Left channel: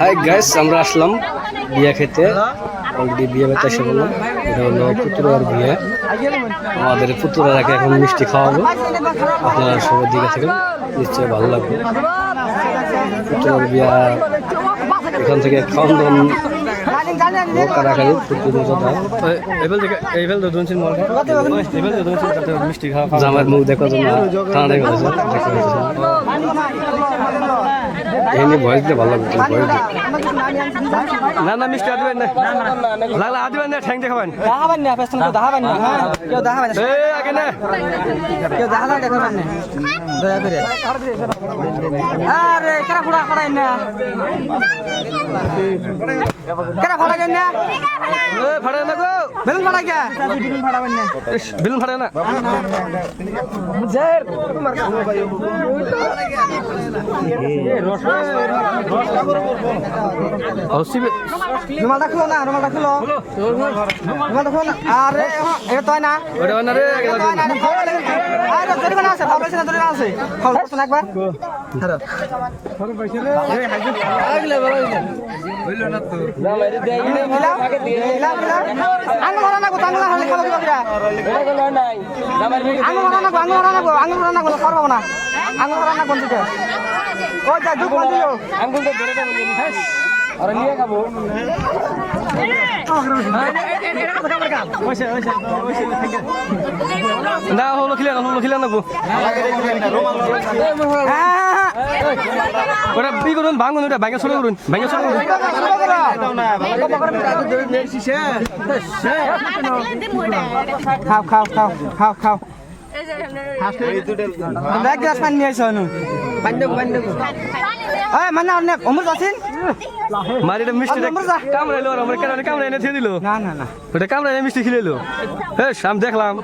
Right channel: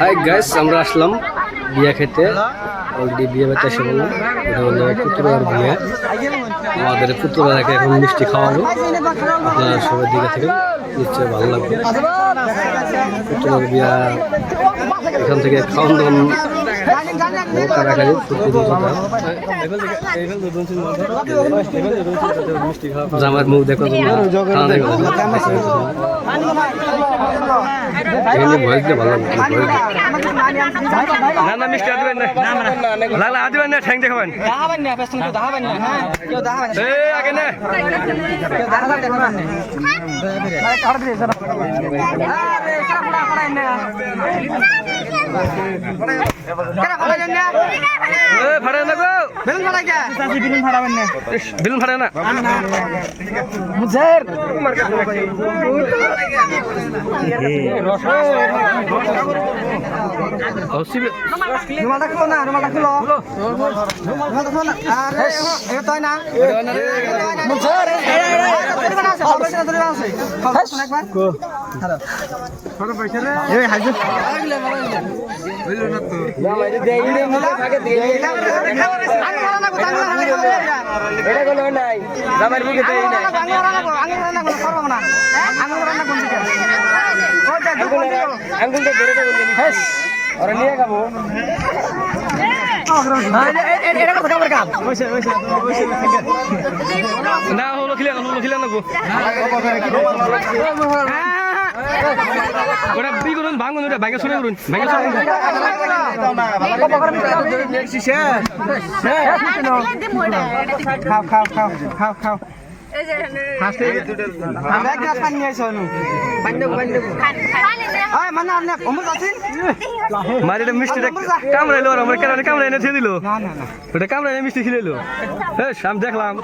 Hi guys, আমরা আসলাম বিয়া খেতে। অলরেডি বিয়ে বাড়িতে এসে বললাম এটা হলো পুতুরার বিয়ে। আমাদের পুতুরাকে এখন মিষ্টি খাওয়াবো। আপনারা সবাই দিকে থাকেন, নিশ্চয়ই ভালো লাগবে। পুতুরার বিয়া এখান থেকে খাওয়ান দাওয়ান কারাকারি জামার মুখ দেখো এমনি ভয় দিলে ভালো লাগবে। ভয় দিলে না না মিষ্টি আদবেন না, লাগলে আদবেন না, ঠ্যাং দেখাবেন আগে না ফাড়ে না গো, বেলুন ফাড়ে না। না হলো খিলে না গো, ওটা বি করুন, ভাঙুন, ওটা ভাঙে সরে করুন, ভাঙে সরে করুন। খাও মারিটা মিষ্টি কামড়াইলো, আমার কেন কামড়াই এনে দিল, ওটা কামড়াই মিষ্টি খিলাইলো। হ্যাঁ আমি দেখলাম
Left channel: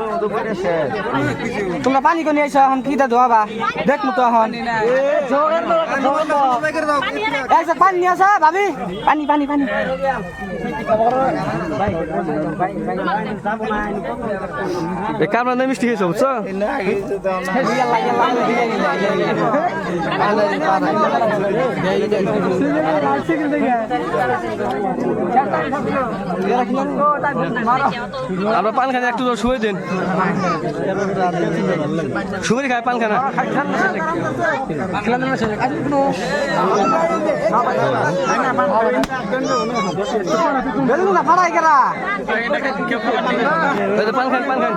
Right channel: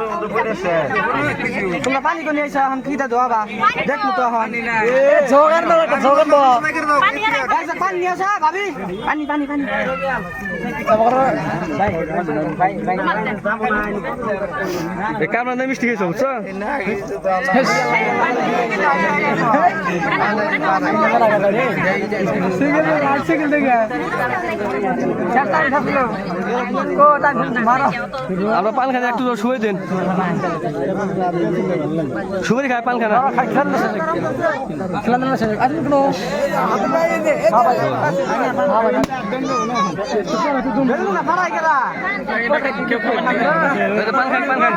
তোমরা পানি করে নিয়ে এসো, এখন কিটা ধোয়াবা দেখবো তো। এখন পানি নিয়ে আসো ভাবি, পানি পানি পানি। কামড়া মিষ্টি খেয়েছো বুঝছো? আমরা পান খানা একটু শুয়ে দেন, শুয়ে খায় পান খানা। পান খান পান খান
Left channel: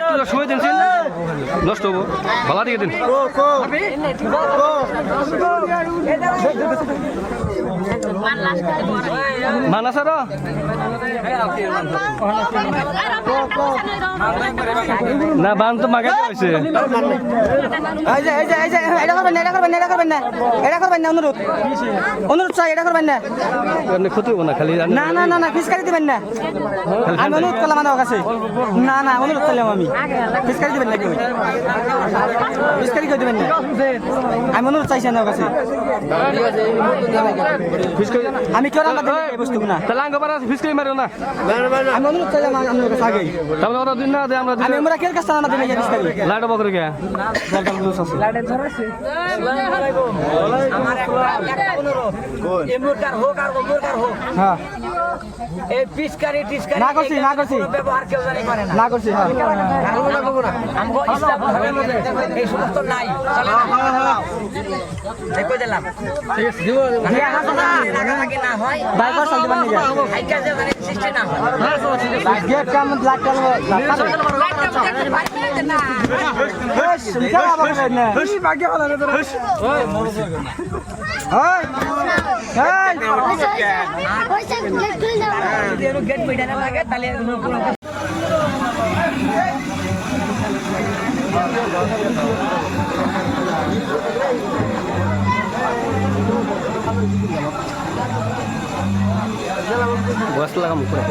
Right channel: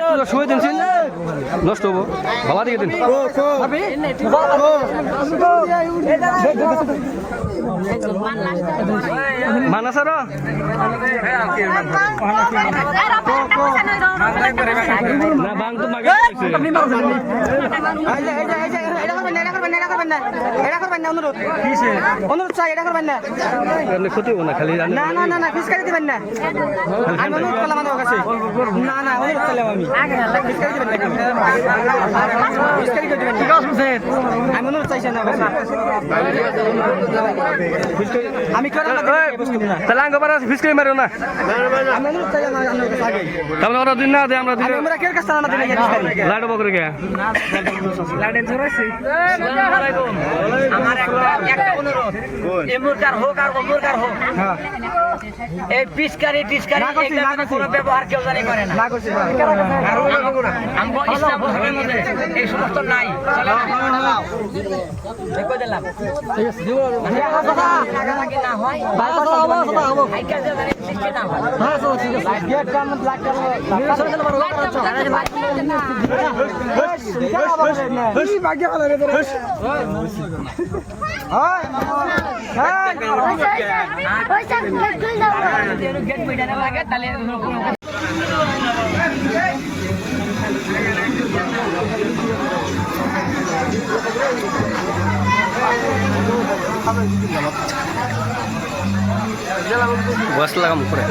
একটু শুয়ে দিন, নষ্ট হবো, ভালো দিকে দিন। মানাসার না বান তো মাগে হয়েছে। অনুরোধ চাই, এটা করবেন না, ক্ষতি হবো না। খালি না না না না ফিসকারি দিবেন না, আমি অনুরোধ করলাম আমার কাছে। না না অনুরোধ করলাম আমি, ফিসকারি দিবেন না, ফিসকারি করে দিবেন না, আমি অনুরোধ চাইছি আমার কাছে। আমি তাহলে আঙ্গ পারা ফিসকারি মারো না, আমি অনুরোধ চাই আমার কাছে আগে। তাহলে ওরা দিন না দে, আমরা দিলে আমরা কের কাছে আমাদের লাইট বকরে গে লাইট ধরেছি। আসসালামু আলাইকুম। আমার একটা অনুরোধ, এমুরকার হোক আর ওমুরকার হোক, এই পিচকারি টিচকারি কোনো ব্যবহার কেউ জানি করে না। কারণ আমগো ইসলাম ধর্মের মধ্যে এই সমস্ত নাই, চলে না। কই দিলাম লাগালাগি না হয়, সৃষ্টি না হয়। গেট মিটানে লাগে তাহলে বস লাগাম উপরে।